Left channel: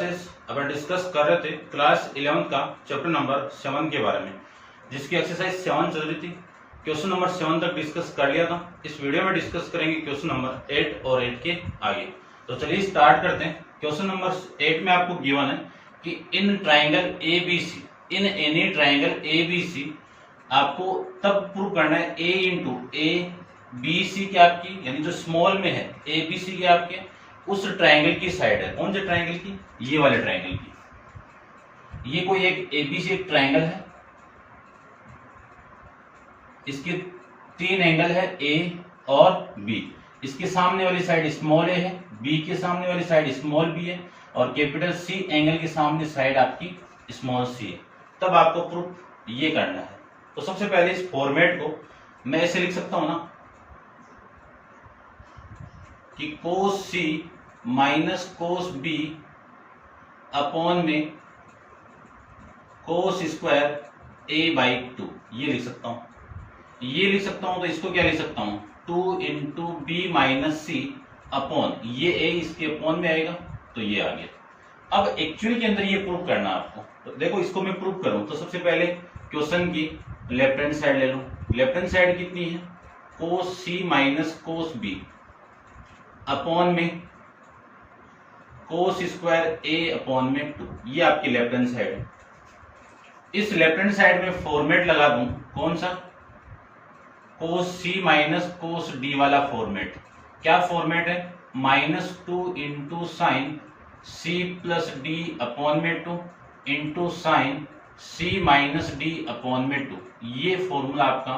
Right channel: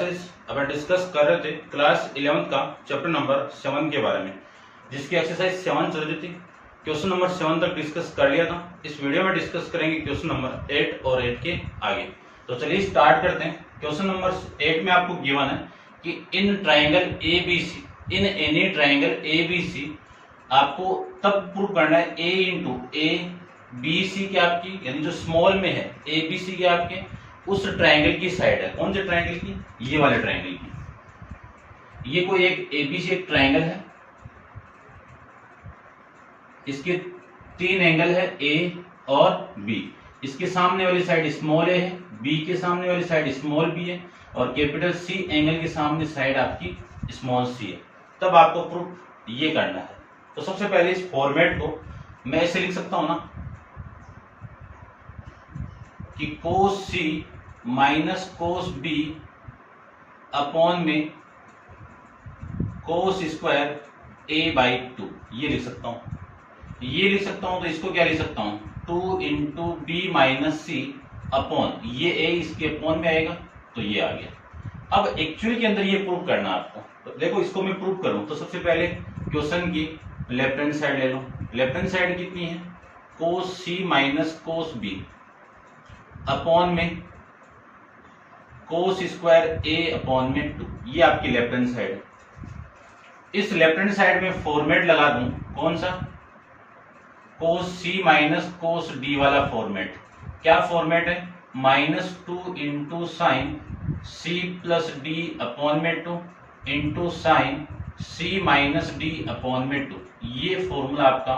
Classes अपन discuss कर रहे थे क्लास 11 का चैप्टर नंबर 7 के बारे में, जिसकी एक्सरसाइज 7 चल रही थी। क्वेश्चन नंबर 7 तक डिस्कस कर लिया था। इस वीडियो में डिस्कस करेंगे क्वेश्चन नंबर 8 और 8 के आगे। तो चलिए स्टार्ट करते हैं। क्वेश्चन नंबर 8 में आपको गिवन है कि in triangle ABC, in any triangle ABC आपको तब प्रूव करना है A इंटू ABC की आपकी, यानी जो स्मॉल में है ABC के आपके उस ट्राइंगल की साइड है। कौन से ट्राइंगल की? ये वाले ट्राइंगल की। ये कोई एक ABC एक ट्राइंगल है, इसके 3 एंगल है A और B। इसके सामने वाली साइड स्मॉल a है, B के सामने वाली साइड स्मॉल b है और कैपिटल C एंगल के सामने साइड आपकी स्मॉल c है। तब आपको प्रूफ ये करना है। तो सबसे पहले इस फॉर्मेट को मैं ऐसे लिख सकता हूं ना कि cos C minus cos B upon में cos स्क्वायर A/2, ये लिख सकता हूं। ये लिख सकता हूं तो इसको क्या लिख सकता हूं 2 into B minus C upon ये a इसके अपॉन में आएगा तो ये आ गया। अब एक्चुअल के अंदर ये प्रूव करना आपको। तो देखो इसको मैं प्रूव करूं तो सबसे पहले क्वेश्चन की लेफ्ट हैंड साइड ले लो। लेफ्ट हैंड साइड कितनी है? cos C minus cos B upon में cos स्क्वायर A अपॉन में 2, ये आपकी लेफ्ट हैंड साइड है। इस लेफ्ट हैंड साइड में फॉर्मेट लगा दूं, कौन सा? cos C minus cos D वाला फॉर्मेट। क्या फॉर्मेट है? -2 into sine C plus D upon में 2 into sine C minus D upon में 2। ये फॉर्मूला आपका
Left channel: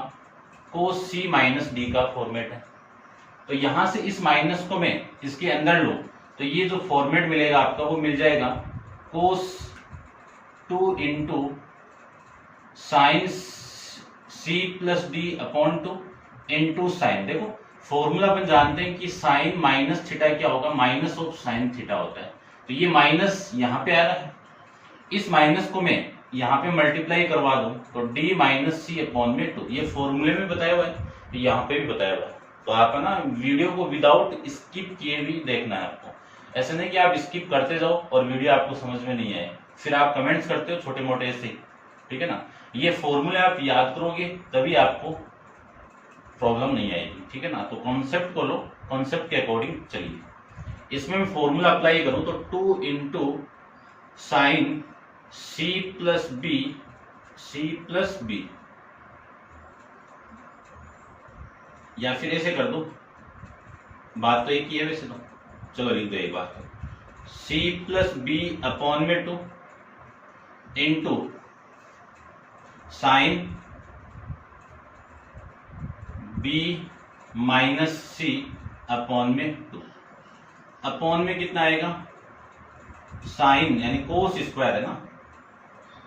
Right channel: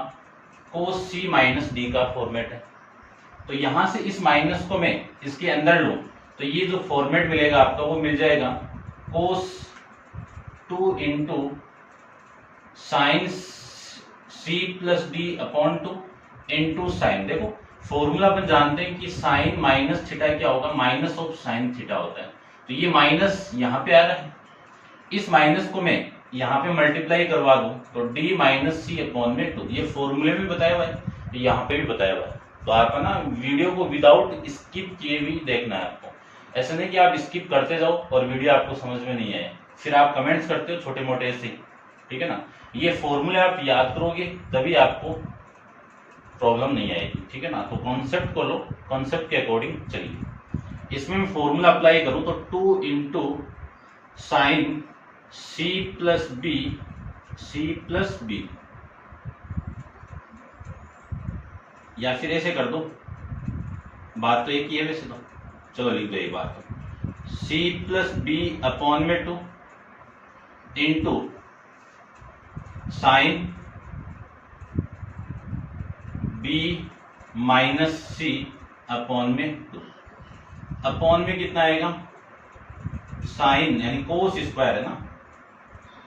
cos C माइनस D का फॉर्मेट है। तो यहां से इस माइनस को मैं इसके अंदर लूं तो ये जो फॉर्मेट मिलेगा आपका वो मिल जाएगा cos 2 into sine C plus D upon 2 into sign. देखो फॉर्मूला अपन जानते हैं कि साइन माइनस थीटा क्या होगा? माइनस ऑफ साइन थीटा होता है। तो ये माइनस यहाँ पे आ रहा है, इस माइनस को मैं यहाँ पे मल्टीप्लाई करवा दूं तो D माइनस C अपॉन में 2। ये फॉर्मूले में बताया हुआ है, तो यहाँ पे भी बताया हुआ है। तो आप ना वीडियो को विदाउट स्किप किए भी देखना है आपको। ऐसा नहीं कि आप स्किप करते जाओ और वीडियो आपको समझ में नहीं आए, फिर आप कमेंट्स करते हो छोटे मोटे ऐसे, ठीक है ना। ये फॉर्मूले आप याद करोगे तभी आपको प्रॉब्लम नहीं आएगी, ठीक है ना। तो कॉन्सेप्ट को लो, कॉन्सेप्ट के अकॉर्डिंग चलिए। इसमें मैं फॉर्मूला अप्लाई करूं तो 2 into sine C plus B, या फिर ऐसे कर दो, बात तो एक ही है वैसे तो, चलो लिख दो ये बात। C प्लस बी अपॉन में 2 into sine B minus C upon में 2। अपॉन में कितना आएगा? साइन यानी कोस स्क्वायर है ना,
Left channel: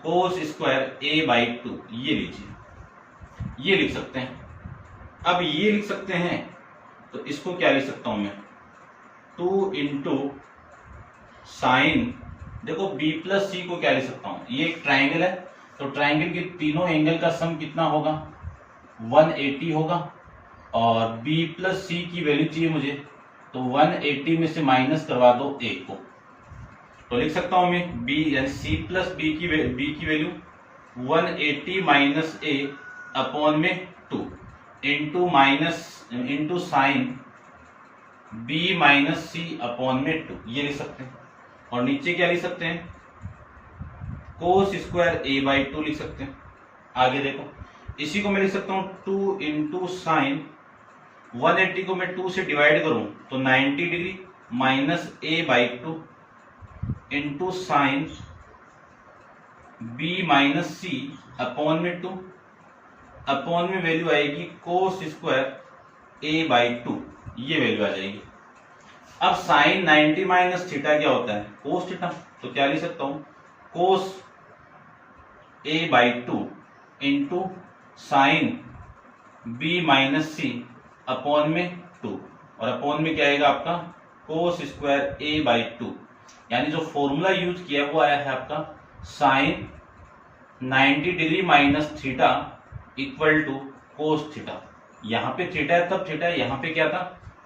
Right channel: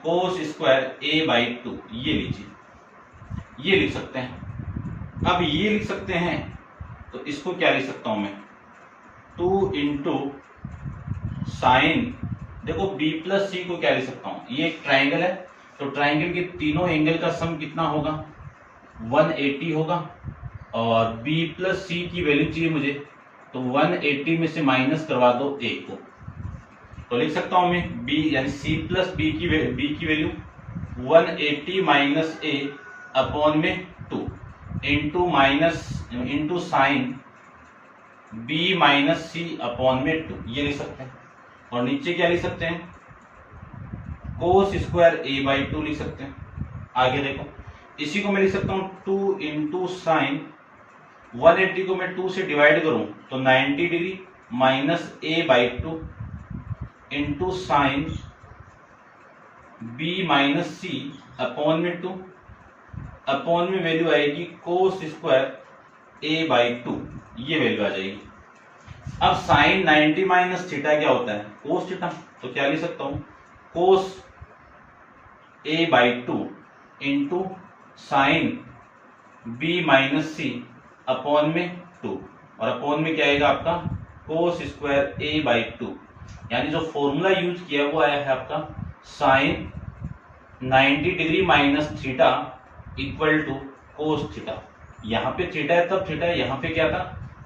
कोस स्क्वायर A/2, ये लीजिए, ये लिख सकते हैं। अब ये लिख सकते हैं तो इसको क्या लिख सकता हूं मैं 2 इंटू साइन, देखो B प्लस C को क्या लिख सकता हूं? ये एक ट्राइंगल है तो ट्राइंगल के तीनों एंगल का सम कितना होगा? 180 होगा। और B प्लस C की वैल्यू चाहिए मुझे, तो 180 में से माइनस करवा दो A को, तो लिख सकता हूं मैं B यानी C प्लस B की वैल्यू 180 माइनस A अपॉन में 2 into sine B minus C upon में 2, ये लिख सकते हैं। और नीचे क्या लिख सकते हैं? कोस स्क्वायर A/2 लिख सकते हैं। आगे देखो, इसी को मैं लिख सकता हूं 2 इंटू साइन 180 को मैं 2 से डिवाइड करूं तो 90 degree minus A/2 into sine B minus C upon में 2। अपॉन में वैल्यू आएगी कोस स्क्वायर A/2, ये वैल्यू आ जाएगी। अब साइन 90 माइनस थीटा क्या होता है? Cos theta. तो क्या लिख सकता हूं कोस A/2 into sine B minus C upon में 2, और अपॉन में क्या आएगा आपका कोस स्क्वायर A/2, यानी जो फॉर्मूला यूज किया वो आया है आपका sine 90 degree minus theta equal to cos theta. यहाँ पे थीटा है तब थीटा है, यहाँ पे क्या था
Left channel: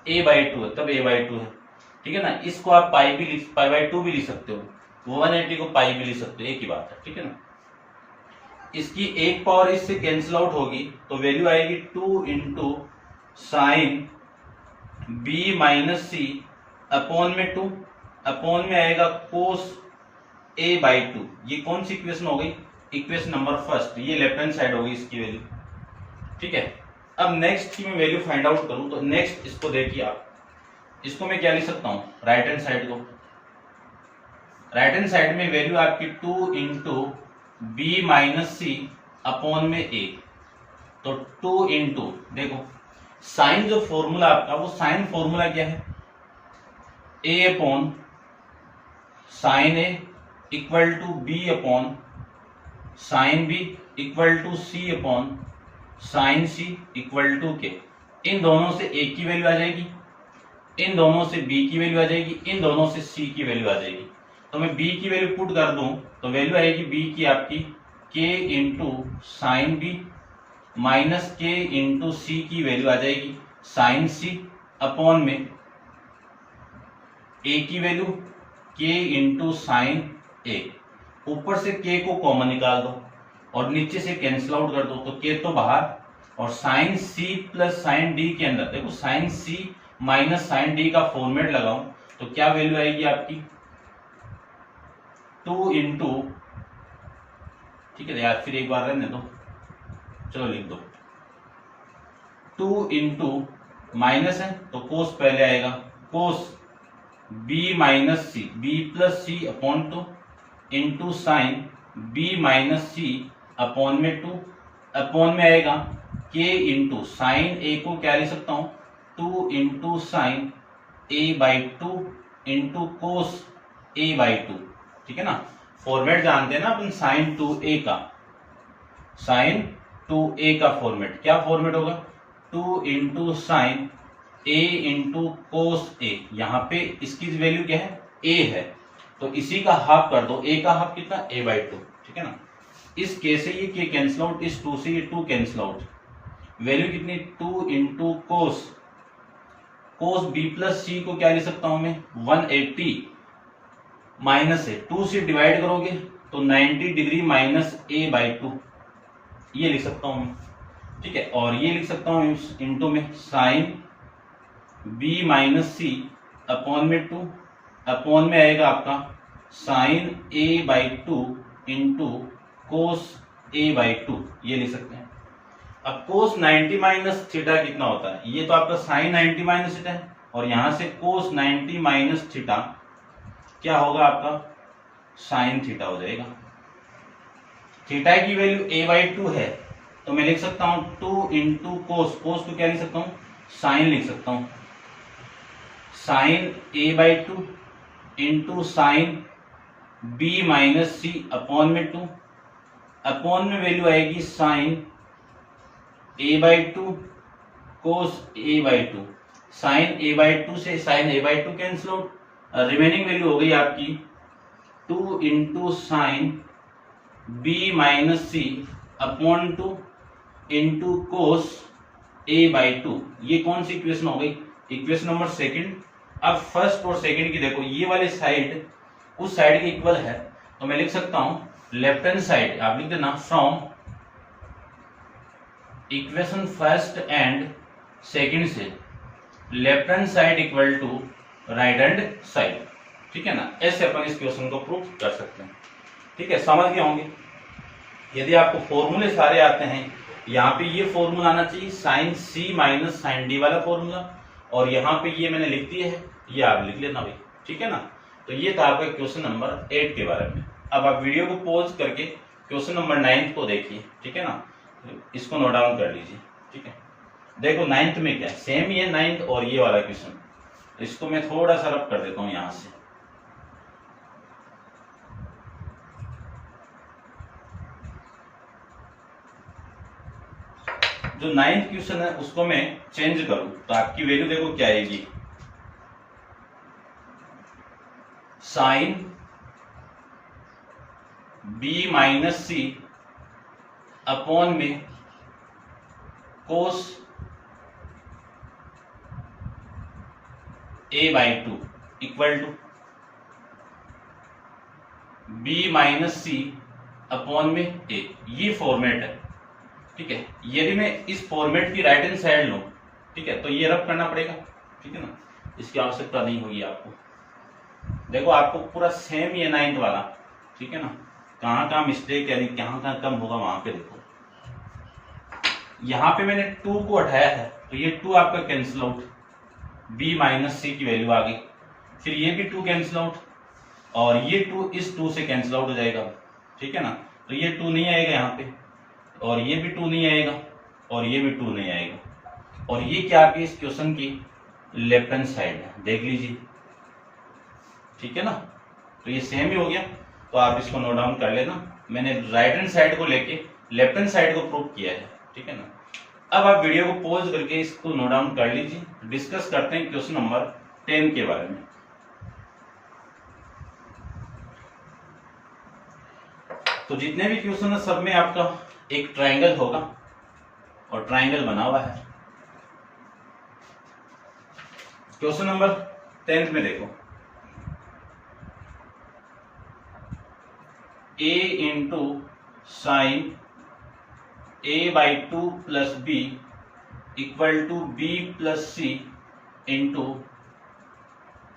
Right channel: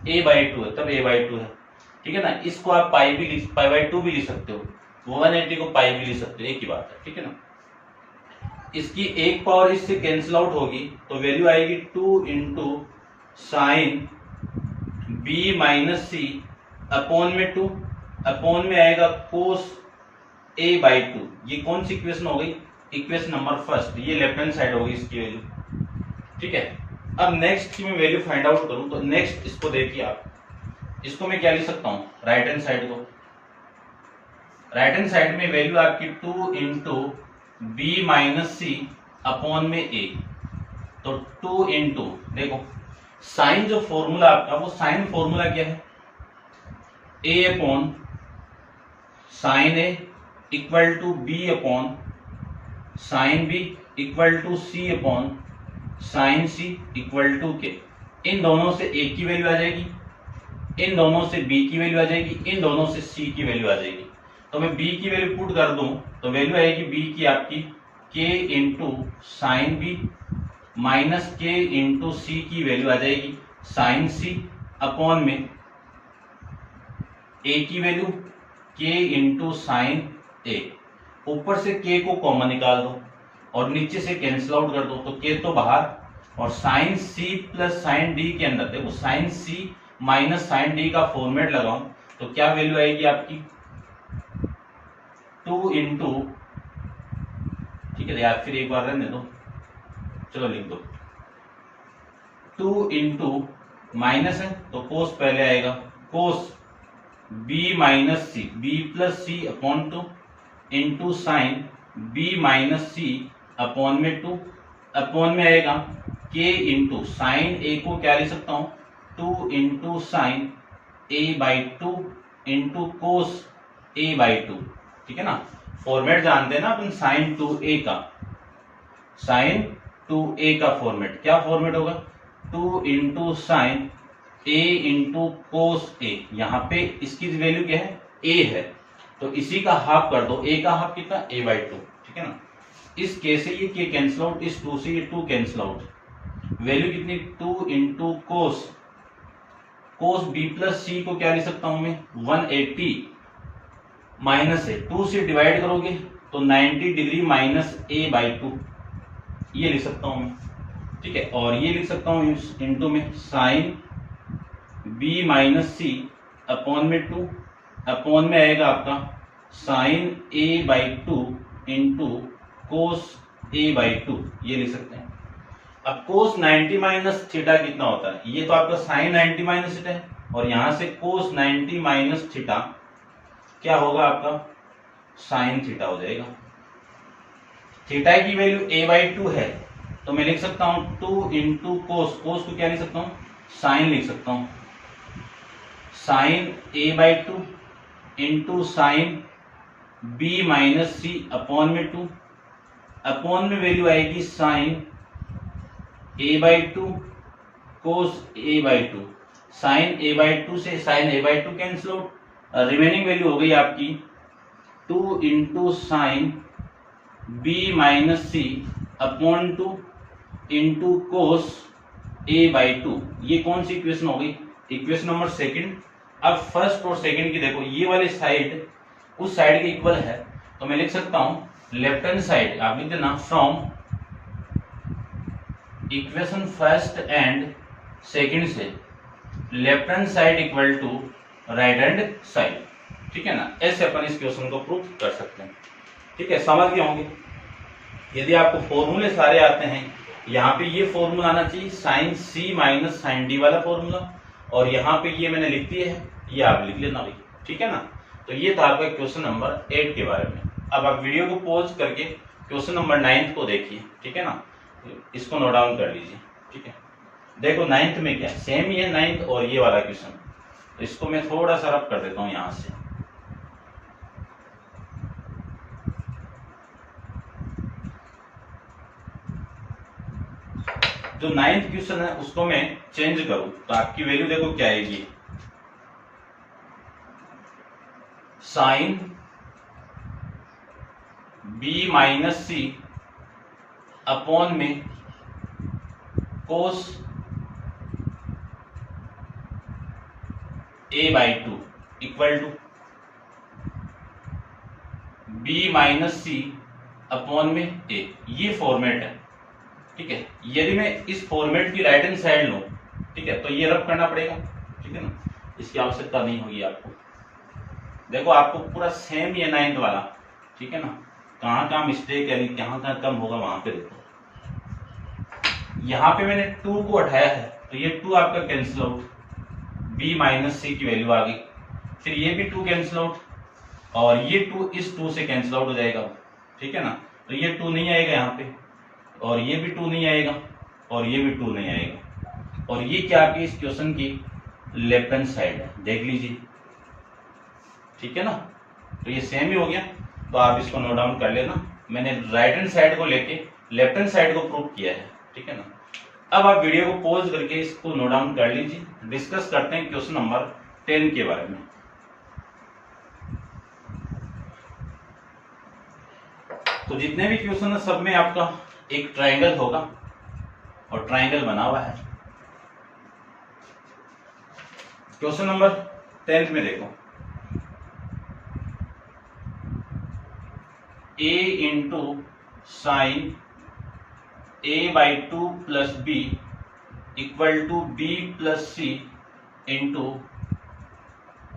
A/2 है तब A/2 है, ठीक है ना। इसको आप पाई/2 भी लिख सकते हो। वो 180 को पाई भी लिख सकते हो, एक ही बात है, ठीक है ना। इसकी एक पावर इससे कैंसिल आउट होगी तो वैल्यू आएगी 2 into sine B minus C upon में 2 अपॉन में आएगा कोस ए बाई 2। ये कौन सी इक्वेशन हो गई, इक्वेशन नंबर फर्स्ट, ये लेफ्ट हैंड साइड होगी इसकी वैल्यू, ठीक है। अब नेक्स्ट की मैं वैल्यू फाइंड आउट करूं तो नेक्स्ट इसको देखिए आप, इसको मैं क्या लिख सकता हूं, राइट हैंड साइड को, राइट हैंड साइड में वैल्यू आपकी 2 into B minus C upon में ए। तो 2 इंटू, देखो साइन जो फॉर्मूला आपका, वो साइन फॉर्मूला क्या है, A upon sine A equal to B upon sine B equal to C upon sine C equal to K. इन दोनों से ए की वैल्यू आ जाएगी, इन दोनों से बी की वैल्यू आ जाएगी, इन दोनों से सी की वैल्यू आ जाएगी। तो मैं बी की वैल्यू पुट कर दूं तो वैल्यू आएगी बी की आपकी के इंटू साइन बी माइनस के इंटू सी की वैल्यू आ जाएगी साइन सी अपॉन में ए की वैल्यू के इंटू साइन ए। ऊपर से के को कॉमन निकाल दो और नीचे से कैंसिल आउट कर दो तो के तो बाहर, और sine C plus sine D के अंदर देखो साइन सी माइनस साइन डी का फॉर्मेट लगाऊं तो क्या वैल्यू आएगी आपकी 2 इंटू, ठीक है यार फिर एक बार रहने दो, चलो लिख दो 2 इंटू माइनस है तो कोस पहले आएगा, cos B minus C, B plus C upon 2 into sine B minus C upon में 2 अपॉन में आएगा के इंटू साइन ए को क्या लिख सकता हूं 2 into sine A by 2 into cos A by 2, ठीक है ना। फॉर्मेट जानते हैं ना अपन साइन 2a का, साइन 2a का फॉर्मेट क्या फॉर्मेट होगा 2 into sine a into cos a। यहाँ पे इसकी वैल्यू क्या है a है तो इसी का हाफ कर दो, a का हाफ कितना a बाई 2, ठीक है ना। इस के से ये के कैंसिल आउट, इस 2 से ये 2 कैंसिल आउट, वैल्यू कितनी 2 into cos, cos B plus सी को क्या लिख सकता हूं मैं 180 माइनस है 2 से डिवाइड करोगे तो 90 डिग्री माइनस ए बाई 2, ये लिख सकता हूं मैं, ठीक है। और ये लिख सकता हूं इंटू में sine B minus C upon में 2 अपॉन में आएगा आपका sine A by 2 into cos A by 2, ये लिख सकते हैं। अब कोस 90 माइनस थीटा कितना होता है, ये तो आपका साइन 90 माइनस थीटा है और यहां से कोस 90 माइनस थीटा क्या होगा आपका साइन थीटा हो जाएगा। थीटा की वैल्यू a बाई 2 है तो मैं लिख सकता हूं 2 इंटू कोस, कोस को क्या लिख सकता हूं साइन लिख सकता हूं, sine a by 2 into sine b minus C upon में 2 अपॉन में वैल्यू आएगी sine a by 2 cos a by 2, sine a by 2 से sine a by 2 cancel out, remaining value हो गई आपकी 2 into sine B minus C upon 2 into cos A by 2। ये कौन सी इक्वेशन हो गई, इक्वेशन नंबर सेकंड। अब फर्स्ट और सेकंड की देखो ये वाली साइड उस साइड के इक्वल है तो मैं लिख सकता हूं लेफ्ट हैंड साइड, आप लिख देना from equation first and second से left hand side equal to right hand side, ठीक है ना। ऐसे अपन इस क्वेश्चन को प्रूव कर सकते हैं, ठीक है, समझ गए होंगे। यदि आपको फॉर्मूले सारे आते हैं, यहाँ पे ये फॉर्मूला आना चाहिए साइन सी माइनस साइन डी वाला फॉर्मूला, और यहाँ पे ये मैंने लिख दिया है, ये आप लिख लेना भाई, ठीक है ना। तो ये था आपका क्वेश्चन नंबर 8 के बारे में। अब आप वीडियो को पॉज करके क्वेश्चन नंबर 9 को देखिए, ठीक है ना, इसको नोट डाउन कर लीजिए, ठीक है। देखो 9th में क्या है, सेम ही है 9th और ये वाला क्वेश्चन, तो इसको मैं थोड़ा सा रब कर देता हूं यहां से। जो 9th क्वेश्चन है उसको मैं चेंज करूं तो आपकी वैल्यू देखो क्या आएगी, sine B minus C upon में cos A by 2 equal to B minus C upon में ए, ये फॉर्मेट है। ठीक है, यदि मैं इस फॉर्मेट की राइट हैंड साइड लूं, ठीक है, तो ये रब करना पड़ेगा। ठीक है ना, इसकी आवश्यकता नहीं होगी आपको। देखो आपको पूरा सेम ये 9th वाला, ठीक है ना, कहाँ कहाँ मिस्टेक यानी कहाँ कहाँ कम होगा वहां पे देखो। यहाँ पे मैंने 2 को हटाया है तो ये 2 आपका कैंसिल आउट, b माइनस सी की वैल्यू आ गई। फिर ये भी 2 कैंसिल आउट और ये 2 इस 2 से कैंसिल आउट हो जाएगा। ठीक है ना, तो ये 2 नहीं आएगा यहाँ पे, और ये भी 2 नहीं आएगा, और ये भी 2 नहीं आएगा। और ये क्या आपकी इस क्वेश्चन की लेफ्ट हैंड साइड है, देख लीजिए। ठीक है ना, तो ये सेम ही हो गया, तो आप इसको नोट डाउन कर लेना। मैंने राइट हैंड साइड को लेके लेफ्ट हैंड साइड को प्रूव किया है। ठीक है ना, अब आप वीडियो को पॉज करके इसको नोट डाउन कर लीजिए। डिस्कस करते हैं क्वेश्चन नंबर 10 के बारे में। तो जितने भी क्वेश्चन है सब में आपका एक ट्रायंगल होगा और ट्रायंगल बना हुआ है। क्वेश्चन नंबर 10 में देखो, a into sine a/2 plus B equal to b plus C into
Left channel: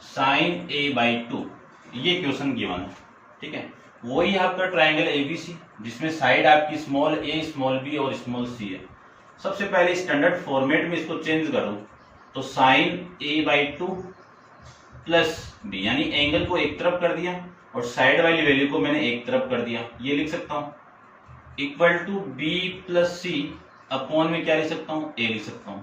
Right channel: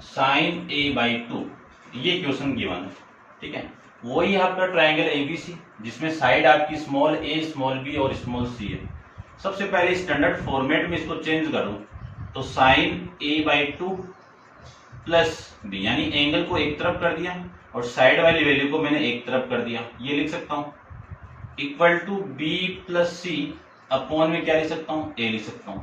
sine a/2, ये क्वेश्चन गिवन है। ठीक है, वही आपका ट्रायंगल एबीसी जिसमें साइड आपकी स्मॉल a, स्मॉल b और स्मॉल c है। सबसे पहले स्टैंडर्ड फॉर्मेट में इसको चेंज करूं तो साइन a/2 प्लस बी, यानी एंगल को एक तरफ कर दिया और साइड वाली वैल्यू को मैंने एक तरफ कर दिया, ये लिख सकता हूं, equal to b plus C upon में क्या लिख सकता हूं, a लिख सकता हूं।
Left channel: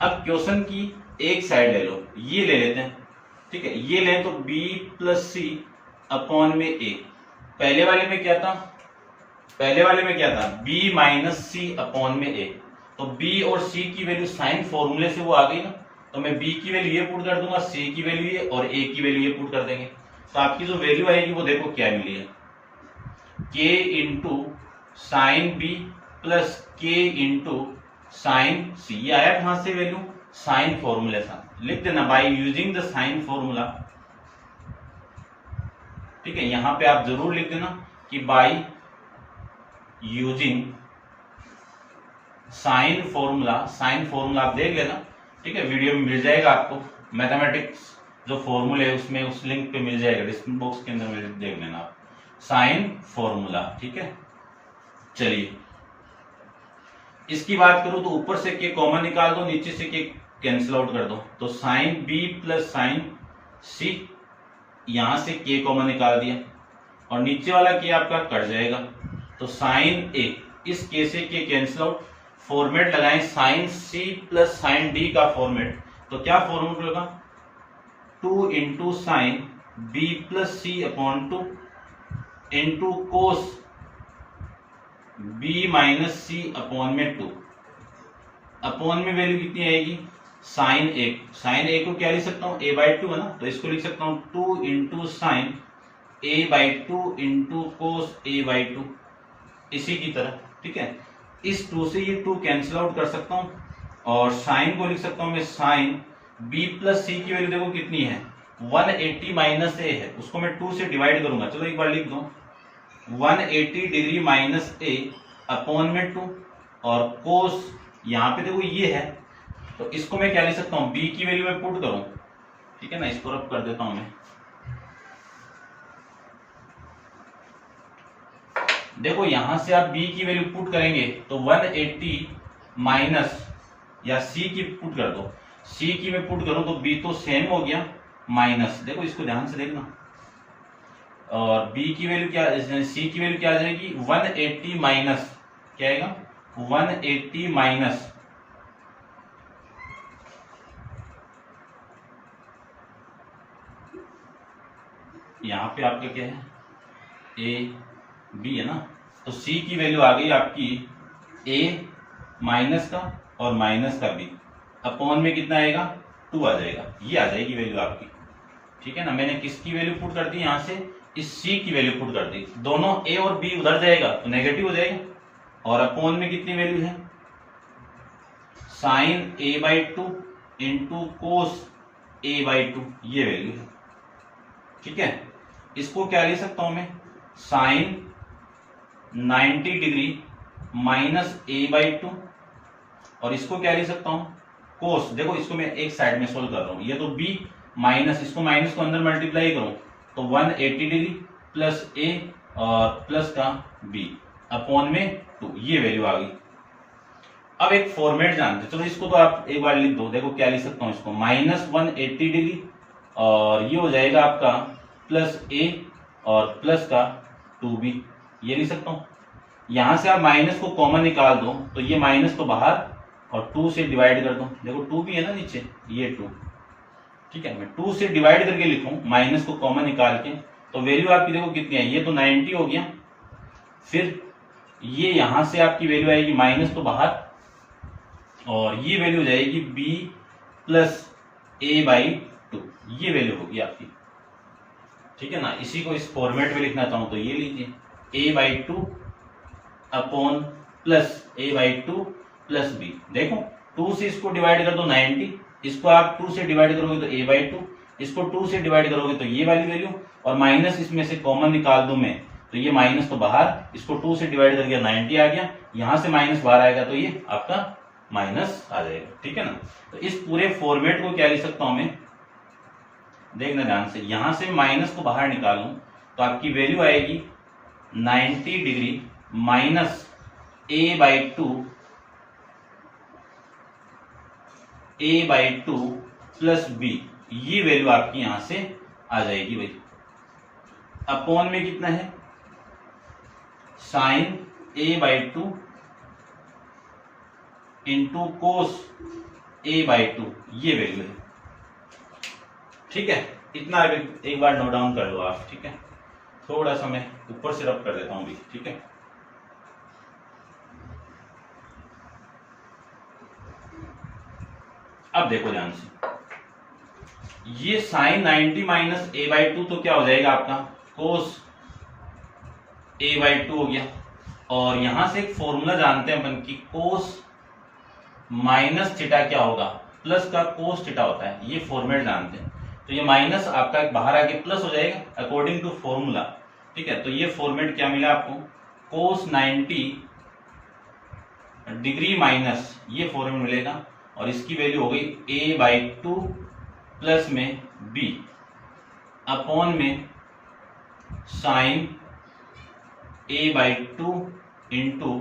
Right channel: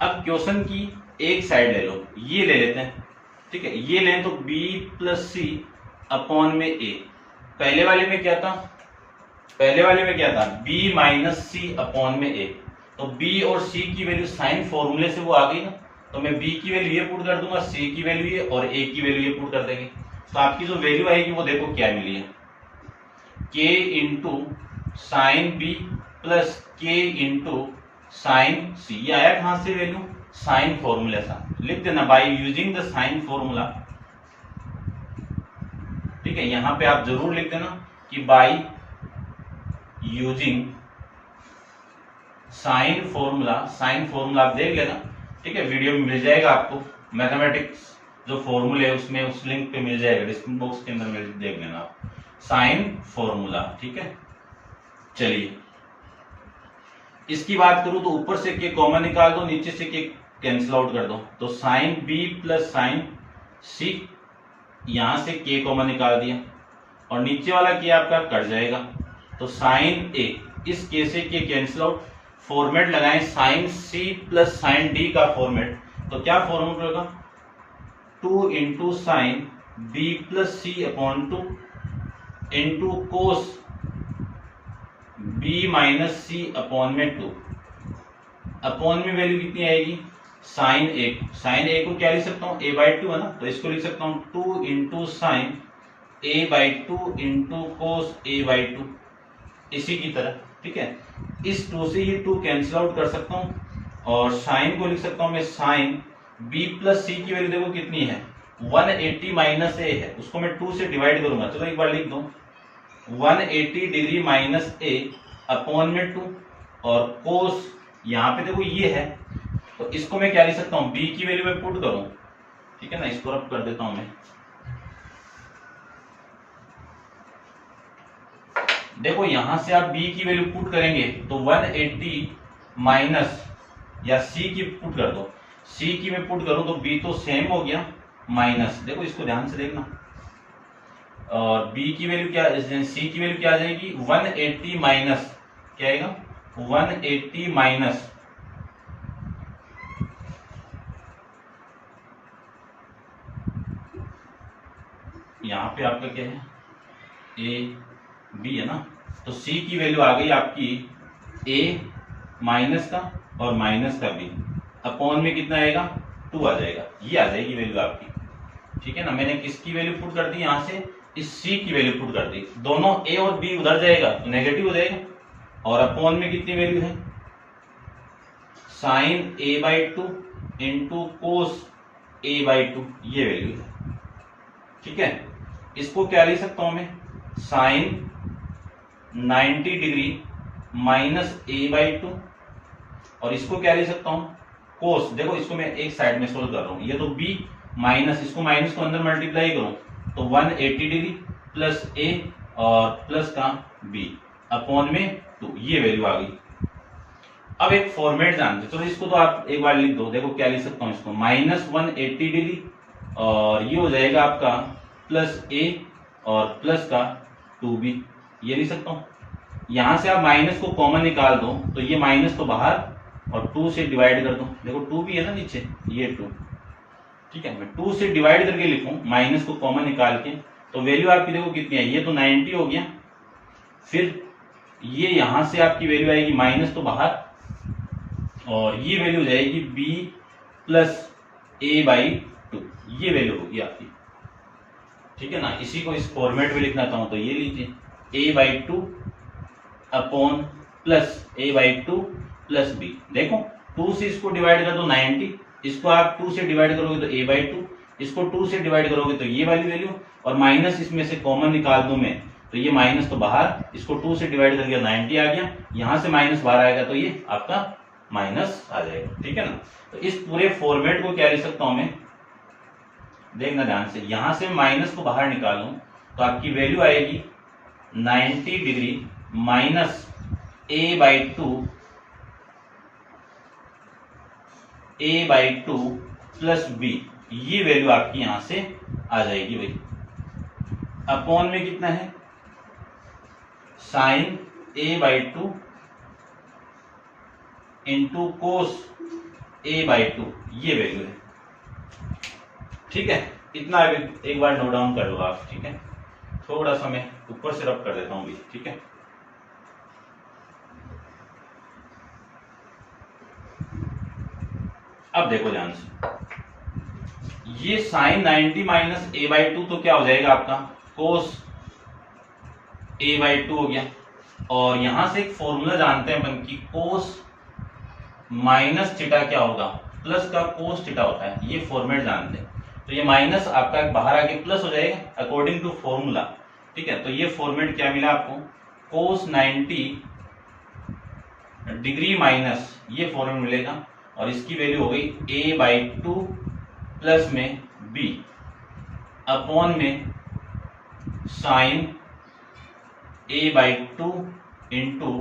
अब क्वेश्चन की एक साइड ले लो, ये ले लेते हैं। ठीक है, ये लें तो b प्लस सी अपॉन में a। पहले वाले में क्या था, b माइनस सी अपॉन में a। तो b और c की वैल्यू साइन फॉर्मूले से वो आ गई ना, तो मैं b की वैल्यू ये पुट कर दूंगा, c की वैल्यू ये और a की वैल्यू ये पुट कर देंगे। तो आपकी जो वैल्यू आएगी वो देखो क्या मिली है, k into sine B plus k into sine C. ये आया कहां से वैल्यू, साइन फॉर्मूला से। लिख देना by using the sine formula. ठीक है, यहां पे आप जरूर लिख देना कि by using sine formula. Sine formula आप देख लेना। ठीक है, वीडियो में मिल जाएगा आपको, मैथमेटिक्स जो फॉर्मूले है उसमें उस लिंक पे मिल जाएगा, डिस्क्रिप्शन बॉक्स के अंदर देख लेना आप साइन फॉर्मूला। ठीक है, चलिए इसकी बात करूं तो ऊपर से के कॉमन निकाल दो, नीचे से के कैंसिल आउट कर दो। तो साइन बी प्लस साइन सी, यहां से के कॉमन निकाल दिया और नीचे वाला के आपका कट जाएगा। तो साइन ए, इस के से के कैंसिल आउट। फॉर्मेट लगाएं sine C plus sine D का फॉर्मेट, तो क्या फॉर्मेट होगा, 2 into sine B plus C upon 2 into cos b minus C upon में 2। अपॉन में वैल्यू कितनी आएगी, साइन ए को क्या लिख सकता हूँ, a/2 है ना, तो इसको लिख सकता हूँ 2 into sine a/2 into cos a/2, इसी की तरह। ठीक है, इस 2 से ये 2 कैंसिल आउट कर सकता हूँ और साइन को लिख सकता हूँ मैं साइन b प्लस सी की वैल्यू देखो कितनी है, 180 माइनस a है, उसको मैं 2 से डिवाइड करूंगा। चलो एक बार लिख दो, 180 डिग्री माइनस ए अपॉन में 2 और कोस यहाँ पे देखो ये है, तो इसको मैं क्या लिख सकता हूँ, b की वैल्यू में पुट करूं। ठीक है ना, इसको रब कर देता हूं मैं। देखो यहां से आप b की वैल्यू पुट करेंगे तो 180 माइनस, या c की पुट कर दो, c की मैं पुट करूं तो b तो सेम हो गया माइनस, देखो इसको ध्यान से देखना, और b की वैल्यू क्या, c की वैल्यू क्या आ जाएगी, 180 माइनस क्या आएगा, 180 माइनस यहाँ पे आपका क्या है, a b है ना, तो c की वैल्यू आ गई आपकी a माइनस का और माइनस का b, अपॉन में कितना आएगा, 2 आ जाएगा, ये आ जाएगी वैल्यू आपकी। ठीक है ना, मैंने किसकी वैल्यू पुट कर दी, यहाँ से इस c की वैल्यू पुट कर दी, दोनों a और b उधर जाएगा तो नेगेटिव हो जाएगा, और अपॉन में कितनी वैल्यू है, sign a/2 into cos a/2, ये वैल्यू है। ठीक है, इसको क्या लिख सकता हूं मैं, साइन 90 डिग्री माइनस a/2, और इसको क्या लिख सकता हूं, कोस। देखो इसको मैं एक साइड में सोल्व कर रहा हूं, ये तो b माइनस, इसको माइनस को अंदर मल्टीप्लाई करूं तो 180 डिग्री प्लस a और प्लस का b अपॉन में 2, ये वैल्यू आ गई। अब एक फॉर्मेट जानते, चलो इसको तो आप एक बार लिख दो। देखो क्या लिख सकता हूं इसको, माइनस 180 डिग्री और ये हो जाएगा आपका प्लस a और प्लस का 2b, ये लिख सकता हूं। यहां से आप माइनस को कॉमन निकाल दो तो ये माइनस तो बाहर और 2 से डिवाइड कर दो। देखो 2 भी है ना नीचे, ये 2, ठीक है। मैं 2 से डिवाइड करके लिखूं माइनस को कॉमन निकाल के, तो वैल्यू आपकी देखो कितनी है, ये तो 90 हो गया। फिर ये यहां से आपकी वैल्यू आएगी माइनस तो बाहर, और ये वैल्यू हो जाएगी b प्लस a/2, ये वैल्यू होगी आपकी, ठीक है ना। इसी को इस फॉर्मेट में लिखना चाहूं तो ये लीजिए a/2 upon plus a/2 plus b। देखो 2 से इसको डिवाइड कर दो 90, इसको आप 2 से डिवाइड करोगे तो a/2, इसको 2 से डिवाइड करोगे तो ये वाली वैल्यू, और माइनस इसमें से कॉमन निकाल दूं मैं तो ये माइनस तो बाहर, इसको 2 से डिवाइड करके 90 आ गया, यहां से माइनस बाहर आएगा तो ये आपका माइनस आ जाएगा, ठीक है ना। तो इस पूरे फॉर्मेट को क्या लिख सकता हूं मैं, देखना ध्यान से, यहां से माइनस को बाहर निकालूं तो आपकी वैल्यू आएगी 90 degree minus a/2 plus b, ये वैल्यू आपकी यहां से आ जाएगी भाई। अपॉन में कितना है, sign a/2 into cos a/2, ये वैल्यू है, ठीक है। इतना एक बार नोट डाउन कर लो आप, ठीक है। थोड़ा सा मैं ऊपर से रब कर देता हूं भी, ठीक है। अब देखो ध्यान से, ये साइन 90 माइनस a/2 तो क्या हो जाएगा आपका कोस a/2 हो गया, और यहां से एक फॉर्मूला जानते हैं अपन की, कोस माइनस थीटा क्या होगा, प्लस का कोस थीटा होता है, ये फॉर्मेट जानते हैं। तो ये माइनस आपका बाहर आके प्लस हो जाएगा अकॉर्डिंग टू फॉर्मूला, ठीक है। तो ये फॉर्मेट क्या मिला आपको, कोस 90 डिग्री माइनस, ये फॉर्मेट मिलेगा, और इसकी वैल्यू हो गई a/2 प्लस में b अपॉन में sine a/2 into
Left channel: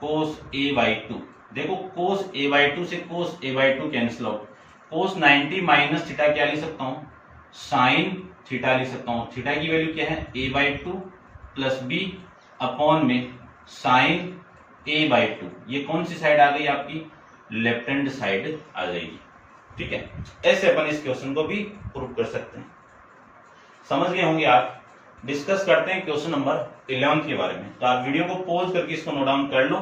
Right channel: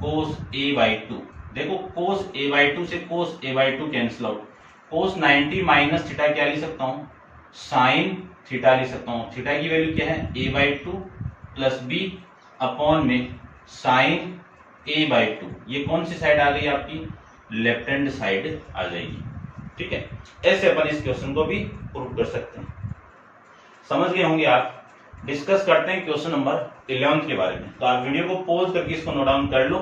cos a/2। देखो कोस a/2 से cos a/2 cancel out, cos 90 minus theta क्या लिख सकता हूं, साइन थीटा लिख सकता हूं। थीटा की वैल्यू क्या है, a/2 प्लस b अपॉन में साइन a/2, ये कौन सी साइड आ गई आपकी, लेफ्ट हैंड साइड आ जाएगी, ठीक है। ऐसे अपन इस क्वेश्चन को भी प्रूव कर सकते हैं। समझ गए होंगे आप। डिस्कस करते हैं क्वेश्चन नंबर 11 के बारे में। तो आप वीडियो को पॉज करके इसको नोट डाउन कर लो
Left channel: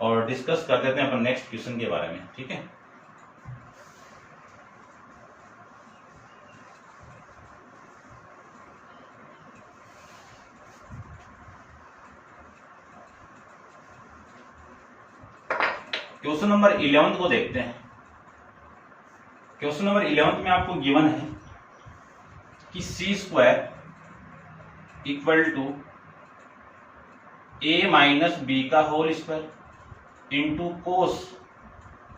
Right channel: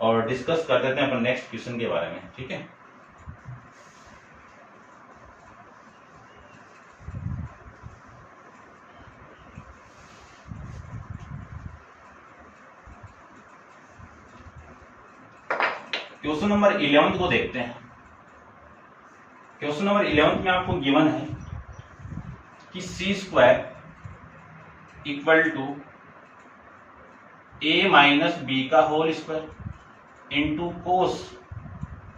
और डिस्कस कर देते हैं अपन नेक्स्ट क्वेश्चन के बारे में, ठीक है। क्वेश्चन नंबर 11 को देखते हैं। क्वेश्चन नंबर 11 में आपको गिवन है कि C square equal to a minus B का whole square into cos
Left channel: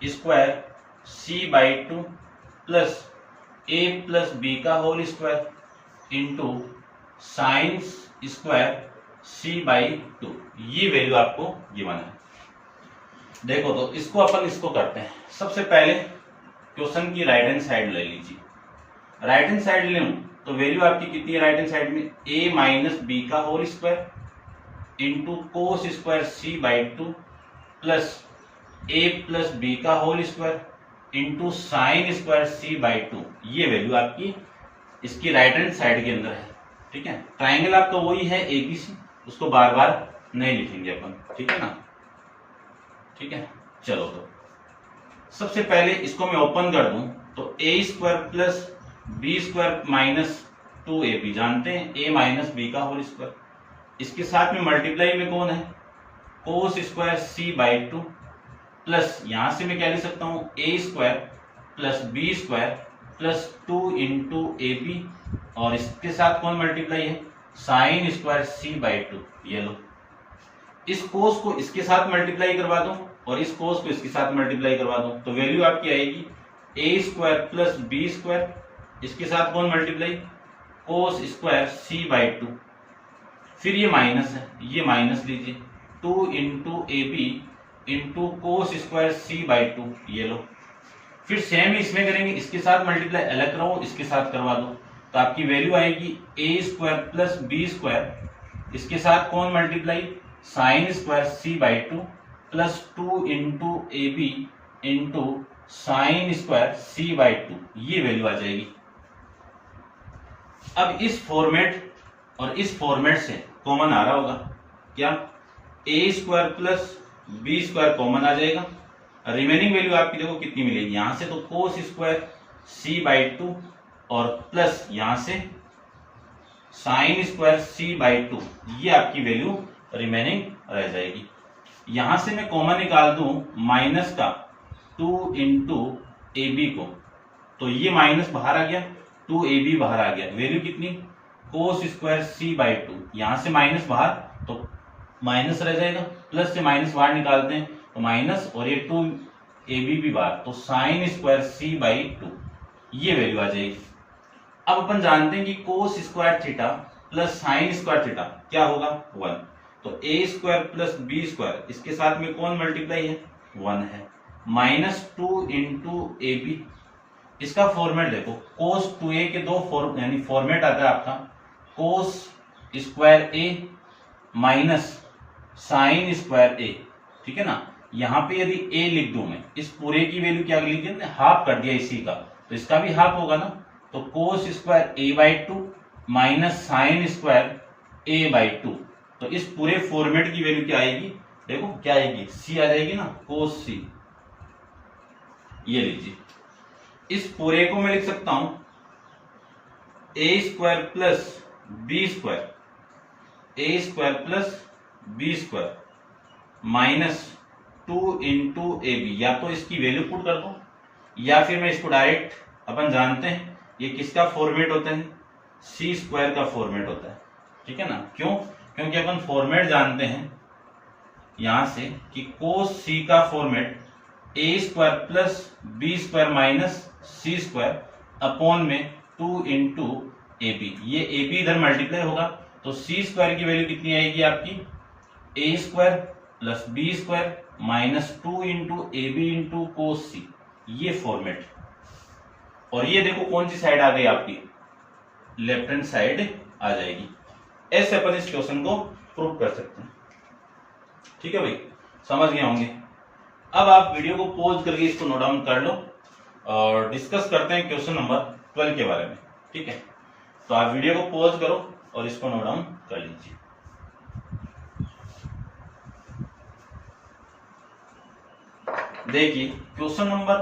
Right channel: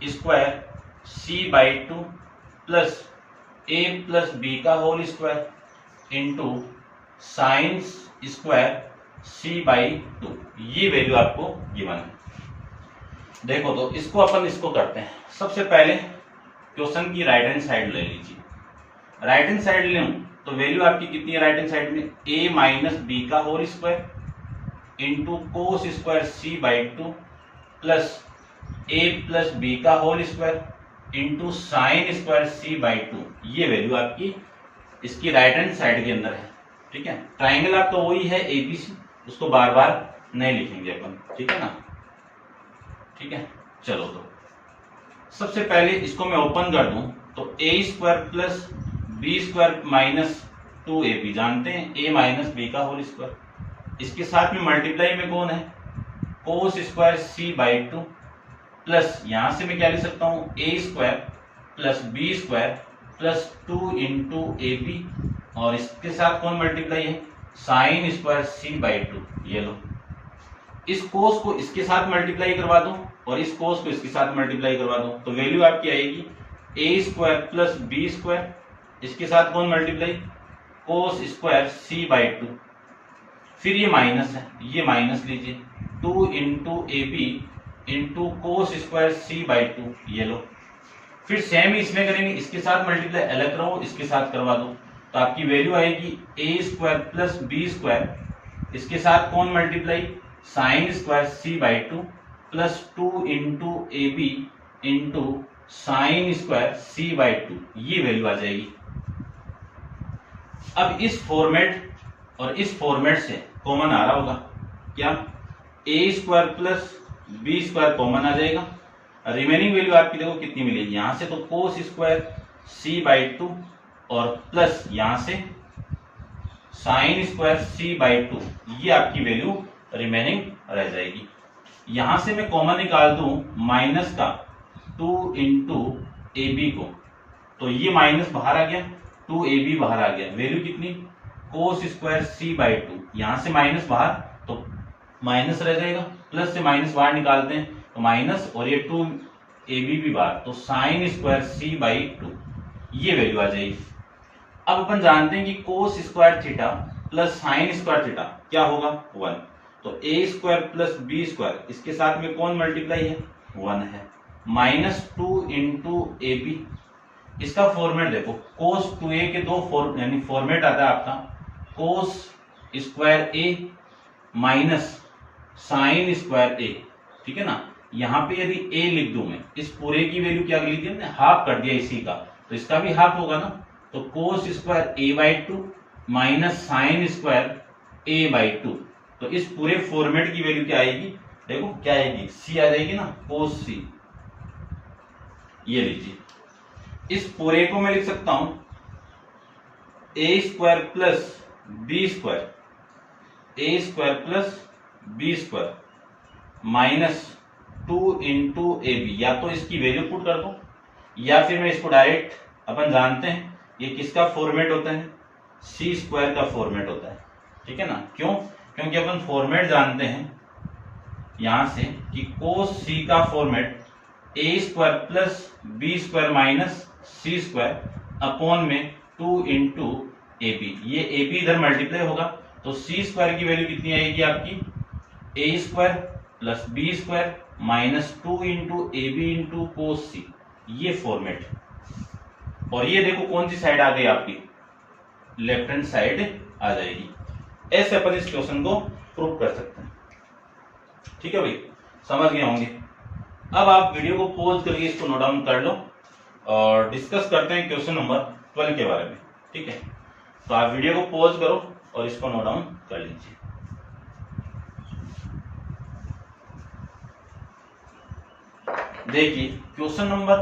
square c/2 plus a plus B का whole square into sine square c/2, ये वैल्यू आपको गिवन है। देखो तो इसको अपन इसको करते हैं। सबसे पहले क्वेश्चन की राइट हैंड साइड ले लीजिए। राइट हैंड साइड लूं तो वैल्यू आपकी कितनी है राइट हैंड साइड में, a माइनस बी का whole square into cos square c/2 plus a plus B का whole square into sine square c/2, ये वैल्यू आपकी इसकी राइट हैंड साइड के अंदर है, ठीक है। ट्राइंगल आपका वही है एबीसी, उसको बार बार नहीं लिखेंगे अपन, ठीक है ना, ठीक है। चलो तो सबसे पहले इसको मैं ओपन कर दूं तो a square plus B square minus 2ab, जानते हैं a माइनस बी का होल स्क्वायर, इसके साथ में मल्टीप्लाई में कौन है, कोस स्क्वायर c/2 प्लस यहां से मैं क्या लिख सकता हूं, a square plus b square plus 2 into ab, और इसके साथ कौन मल्टीप्लाई है, sine square C by two. ये लो, इस कोस को इसके साथ मल्टीप्लाई करवा दो और इस कोस को इसके साथ मल्टीप्लाई करवा दो, तो वैल्यू आपकी आएगी A square plus B square, इसके साथ कौन multiply, cos square C by two, फिर ये माइनस है, ये माइनस लीजिए, 2 into A B into cos square C by two. ये लो, फिर सेम ही इसमें करेंगे, इसके साथ मल्टीप्लाई अलग करो, इसके साथ करवा दो, तो आपकी वैल्यू आएगी A square plus B square, इसके साथ कौन multiply, sine square C by two plus 2 into A B into sine square C by two. ये वैल्यू आ जाएगी। अब इस फॉर्मेट और इस फॉर्मेट से कॉमन आ रहा होगा क्या, A square plus B square common आ जाएगा, रिमेनिंग वैल्यू आपकी देखो कितनी मिलेगी, यहां से तो cos square C by two और प्लस यहां से sine square C by two, ये आपकी वैल्यू रिमेनिंग रह जाएगी। यहां से मैं कॉमन निकाल दूं माइनस का 2 इंटू ए बी को, तो ये माइनस बाहर आ गया, 2 ए बी बाहर आ गया, वैल्यू कितनी, cos square C by two, यहां से माइनस बाहर तो माइनस रह जाएगा, प्लस से माइनस बाहर निकालते हैं तो माइनस, और ये 2 ए बी भी बाहर, तो sine square C by two, ये वैल्यू आ जाएगी। अब अपन जानते हैं कि cos square theta plus sine square theta क्या होगा, 1, तो A square plus B square, इसके साथ में कौन मल्टीप्लाई है, 1 है, माइनस 2 इंटू ए बी, इसका फॉर्मेट देखो, कोस 2a के दो यानी फॉर्मेट आता है आपका, कोस स्क्वायर ए माइनस साइन स्क्वायर ए, ठीक है ना। यहां पे यदि a लिख दूं मैं, इस पूरे की वैल्यू क्या लिख दिया, हाफ कर दिया इसी का, तो इसका भी हाफ होगा ना, तो cos square A by two minus sine square A by two, तो इस पूरे फॉर्मेट की वैल्यू क्या आएगी, देखो क्या आएगी, सी आ जाएगी ना, कोस सी। ये लीजिए, इस पूरे को मैं लिख सकता हूं A square plus B square, A square plus B square minus 2 into A B, या तो इसकी वैल्यू पुट कर दो या फिर मैं इसको डायरेक्ट, अपन जानते हैं ये किसका फॉर्मेट होता है, सी स्क्वायर का फॉर्मेट होता है, ठीक है ना। क्यों, क्योंकि अपन फॉर्मेट जानते हैं यहां से कि कोस सी का format A square plus B square minus C square upon में 2 इंटू ए बी, ये ए बी इधर मल्टीप्लाई होगा, तो सी स्क्वायर की वैल्यू कितनी आएगी आपकी, a square plus B square minus 2 into A B into cos c, ये फॉर्मेट। और ये देखो कौन सी साइड आ गई आपकी, लेफ्ट हैंड साइड आ जाएगी। ऐसे अपन इस क्वेश्चन को प्रूव कर सकते हैं, ठीक है भाई, समझ गए होंगे। अब आप वीडियो को पॉज करके इसको नोट डाउन कर लो और डिस्कस करते हैं क्वेश्चन नंबर 12 के बारे में, ठीक है। तो आप वीडियो को पॉज करो और इसको नोट डाउन कर लीजिए। देखिए क्वेश्चन नंबर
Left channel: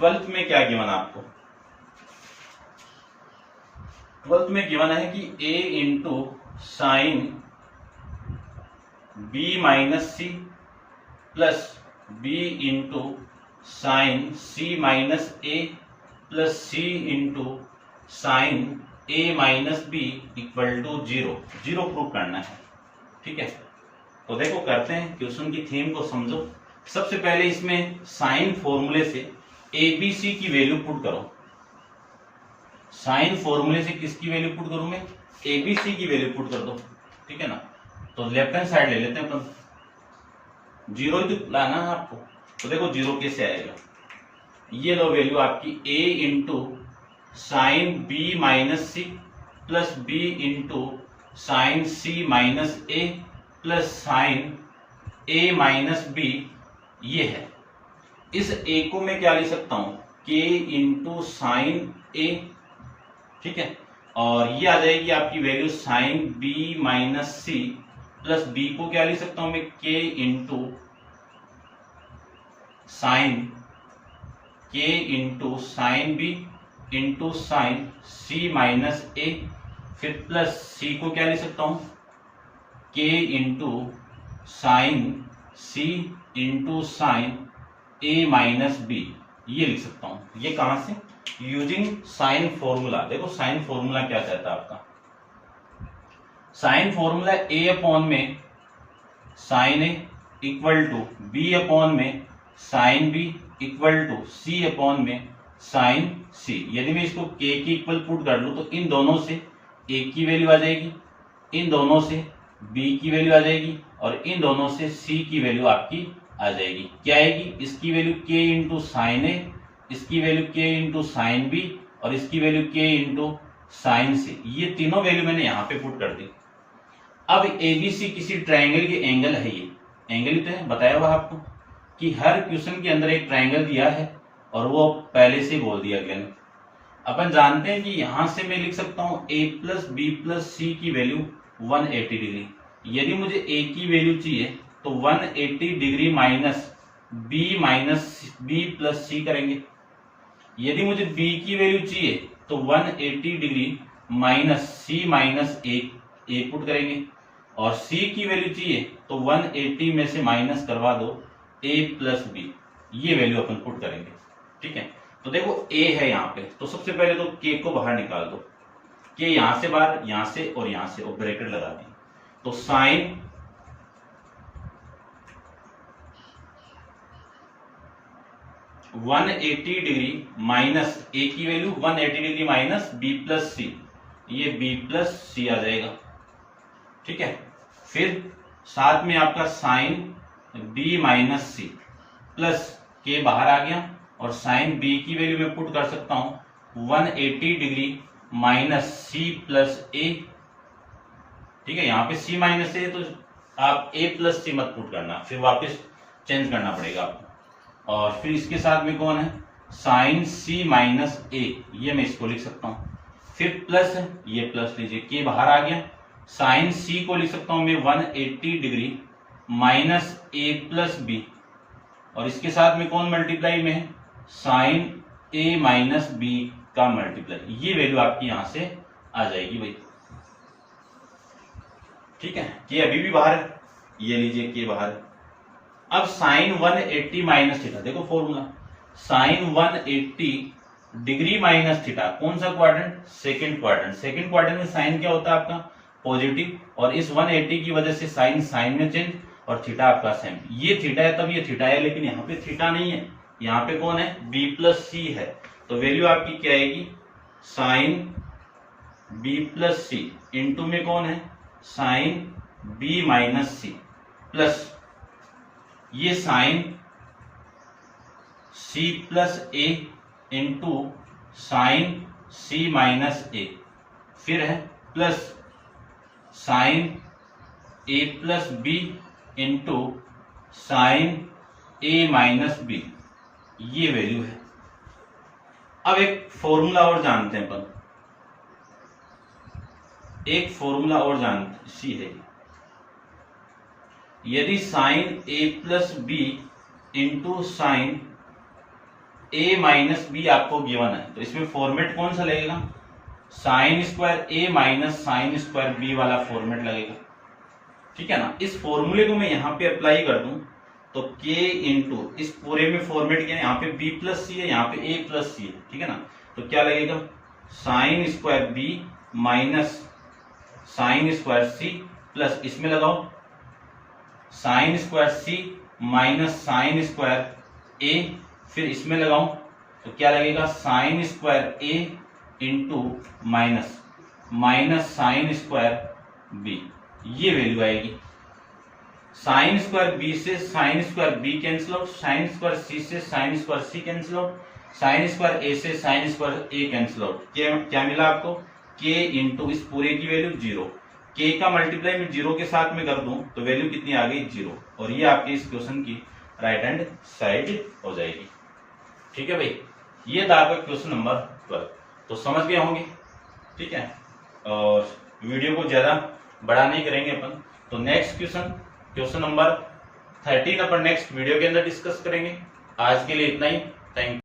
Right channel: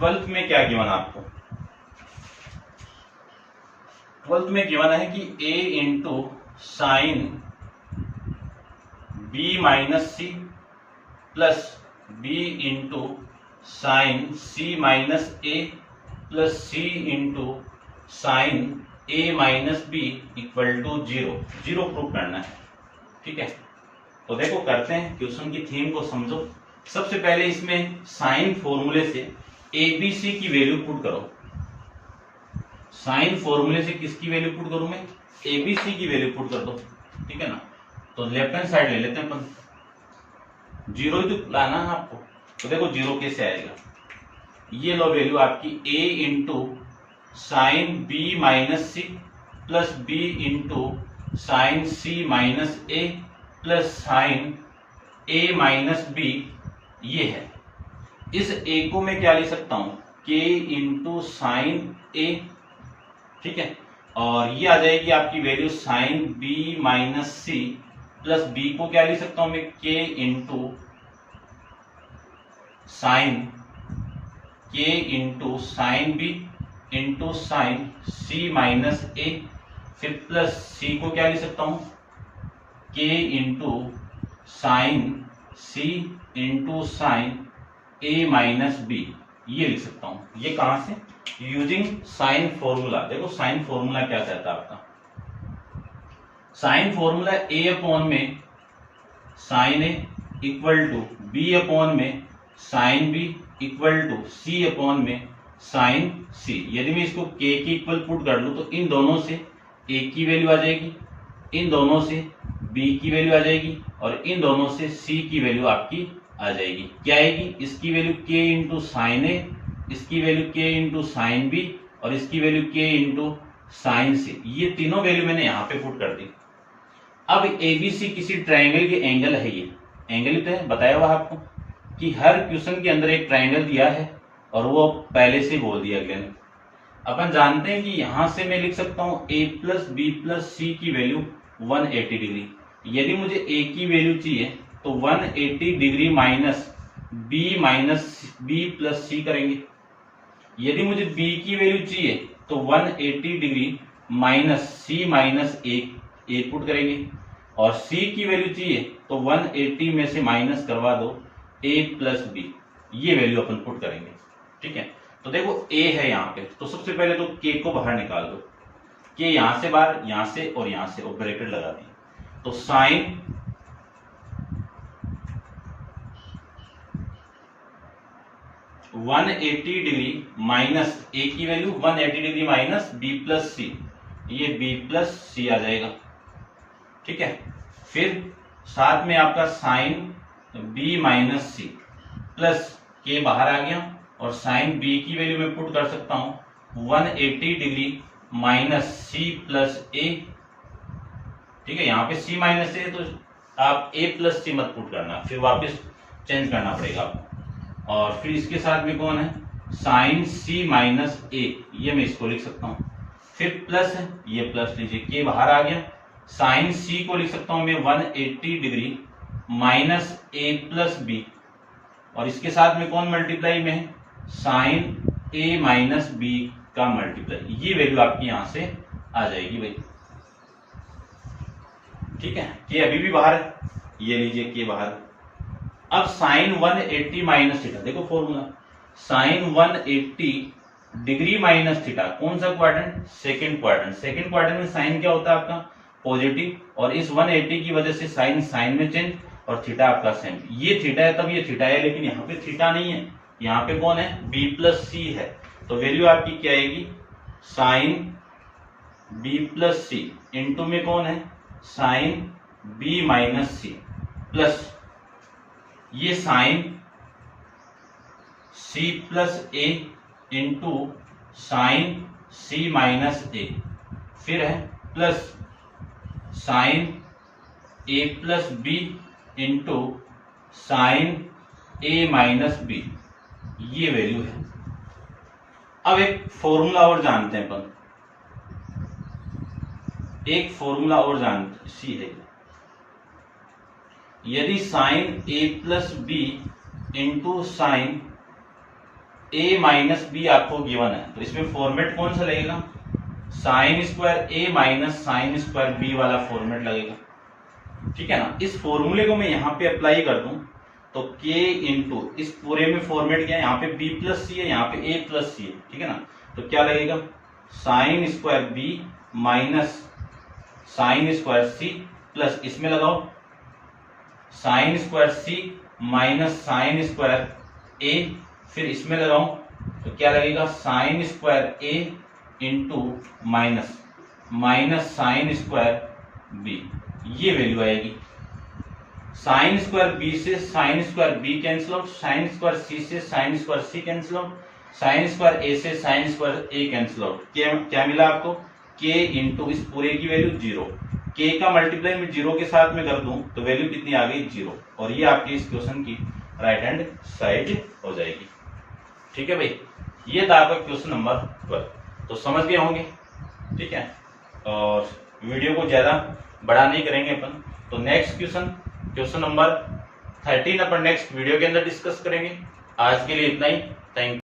12 में क्या गिवन आपको, 12 में गिवन है कि a into sine B minus C plus B into sine C minus A plus C into sine A minus B equal to 0, 0 prove करना है, ठीक है। तो देखो करते हैं, क्वेश्चन की थीम को समझो। सबसे पहले इसमें साइन फॉर्मूले से ए बी सी की वैल्यू पुट करो, साइन फॉर्मूले से किसकी वैल्यू पुट करूं मैं, ए बी सी की वैल्यू पुट कर दो, ठीक है ना। तो लेफ्ट हैंड साइड ले लेते हैं अपन, 0 ही तो लाना है आपको, तो देखो 0 कैसे आएगा, ये लो वैल्यू आपकी a into sine B minus C plus B into sine C minus A plus sine A minus B, ये है। इस a को मैं क्या लिख सकता हूं, k इंटू साइन ए, ठीक है, और ये आ जाएगी आपकी वैल्यू साइन b माइनस सी प्लस बी को क्या लिख सकता हूं मैं, k into sine b into sine सी माइनस ए, फिर प्लस सी को क्या लिख सकता हूं, k into sine c into sine ए माइनस बी, ये लिख सकता हूं। ये कहां से, यूजिंग साइन फॉर्मूला। देखो साइन फॉर्मूला क्या कहता है आपका, साइन फॉर्मूला a अपॉन में sine A equal to b upon में sine B equal to c upon में साइन c। यदि मैं इसको k की इक्वल पुट कर लूं तो इन दोनों से a की वैल्यू आ जाएगी, इन दोनों से b की वैल्यू आ जाएगी और इन दोनों से c की वैल्यू आपकी आ जाएगी। क्या आएगी? इसकी value k into sine A, इसकी value k into sine B और इसकी value k into sine C. ये तीनों वैल्यू मैंने यहाँ पे पुट कर दी। अब एबीसी किसी ट्रायंगल के एंगल है। ये एंगल ही तो है, बताया हुआ आपको कि हर क्वेश्चन के अंदर एक ट्रायंगल दिया है और वो पहले से बोल दिया अगले ने। अपन जानते हैं कि यहां से मैं लिख सकता हूं a प्लस बी प्लस सी की वैल्यू 180 डिग्री। यदि मुझे a की वैल्यू चाहिए तो 180 डिग्री माइनस बी प्लस सी करेंगे। यदि मुझे b की वैल्यू चाहिए तो 180 डिग्री माइनस सी माइनस ए पुट करेंगे और c की वैल्यू चाहिए तो 180 में से माइनस करवा दो a प्लस बी, ये वैल्यू अपन पुट करेंगे। ठीक है, तो देखो a है यहाँ पे, तो सबसे पहले तो k को बाहर निकाल दो। k यहां से बाहर, यहां से और यहां से, और ब्रैकेट लगा दी। तो साइन 180 डिग्री माइनस a की value 180 degree minus b plus c, ये b प्लस सी आ जाएगा। ठीक है, फिर साथ में आपका साइन b माइनस सी प्लस के बाहर आ गया और साइन b की वैल्यू मैं पुट कर सकता हूं 180 degree minus c plus a। ठीक है, यहां पे c माइनस a, तो आप a प्लस सी मत पुट करना, फिर वापस चेंज करना पड़ेगा आपको। और फिर इसके साथ में कौन है? साइन c माइनस a, ये मैं इसको लिख सकता हूं। फिर प्लस है, ये प्लस लीजिए, के बाहर आ गया। साइन c को लिख सकता हूं मैं 180 degree minus a plus B और इसके साथ में कौन मल्टीप्लाई में है? साइन a माइनस बी का मल्टीप्लाई। ये वैल्यू आपकी यहां से आ जाएगी भाई। ठीक है, के अभी भी बाहर है, ये लीजिए के बाहर। अब साइन 180 माइनस थीटा, देखो formula, sine 180 degree minus theta, कौन सा quadrant? Second quadrant. Second quadrant में साइन क्या होता है आपका? पॉजिटिव, और इस 180 की वजह से साइन में चेंज और थीटा आपका सेम। ये थीटा है तब ये थीटा है, लेकिन यहाँ पे थीटा नहीं है, यहाँ पे कौन है? b प्लस सी है। तो वैल्यू आपकी क्या आएगी? Sine b plus C into में कौन है? साइन b माइनस सी प्लस ये sine c plus A into sine c minus ए, फिर है plus sine a plus B into sine a minus B, ये वैल्यू है। अब एक फॉर्मूला और जानते हैं अपन, एक फॉर्मूला और जानते सी है। यदि sine a plus B into sine a minus B आपको गिवन है, तो इसमें फॉर्मेट कौन सा लगेगा? Sine square a minus sine square b वाला फॉर्मेट लगेगा। ठीक है ना। इस फॉर्मूले को मैं यहाँ पे अप्लाई कर दूं तो k इंटू इस पूरे में फॉर्मेट क्या है? यहाँ पे b प्लस सी है, यहाँ पे a प्लस सी है। ठीक है ना, तो क्या लगेगा? Sine square b minus sine square c plus इसमें लगाओ sine square c minus sine square a, फिर इसमें लगाऊं तो क्या लगेगा? Sine square a into minus minus sine square b, ये वैल्यू आएगी। साइन स्क्वायर b से sine square b cancel out, sine square c से sine square c cancel out, sign square a से sine square a cancel out. क्या मिला आपको? k into इस पूरे की वैल्यू 0, k का मल्टीप्लाई में 0 के साथ में कर दूं तो वैल्यू कितनी आ गई? 0, और ये आपकी इस क्वेश्चन की राइट हैंड साइड हो जाएगी। ठीक है भाई, ये था आपका क्वेश्चन नंबर 12। तो समझ गए होंगे। ठीक है, और वीडियो को ज्यादा बड़ा नहीं करेंगे अपन, तो नेक्स्ट क्वेश्चन नंबर 13 अपन नेक्स्ट वीडियो के अंदर डिस्कस करेंगे। आज के लिए इतना ही, थैंक यू।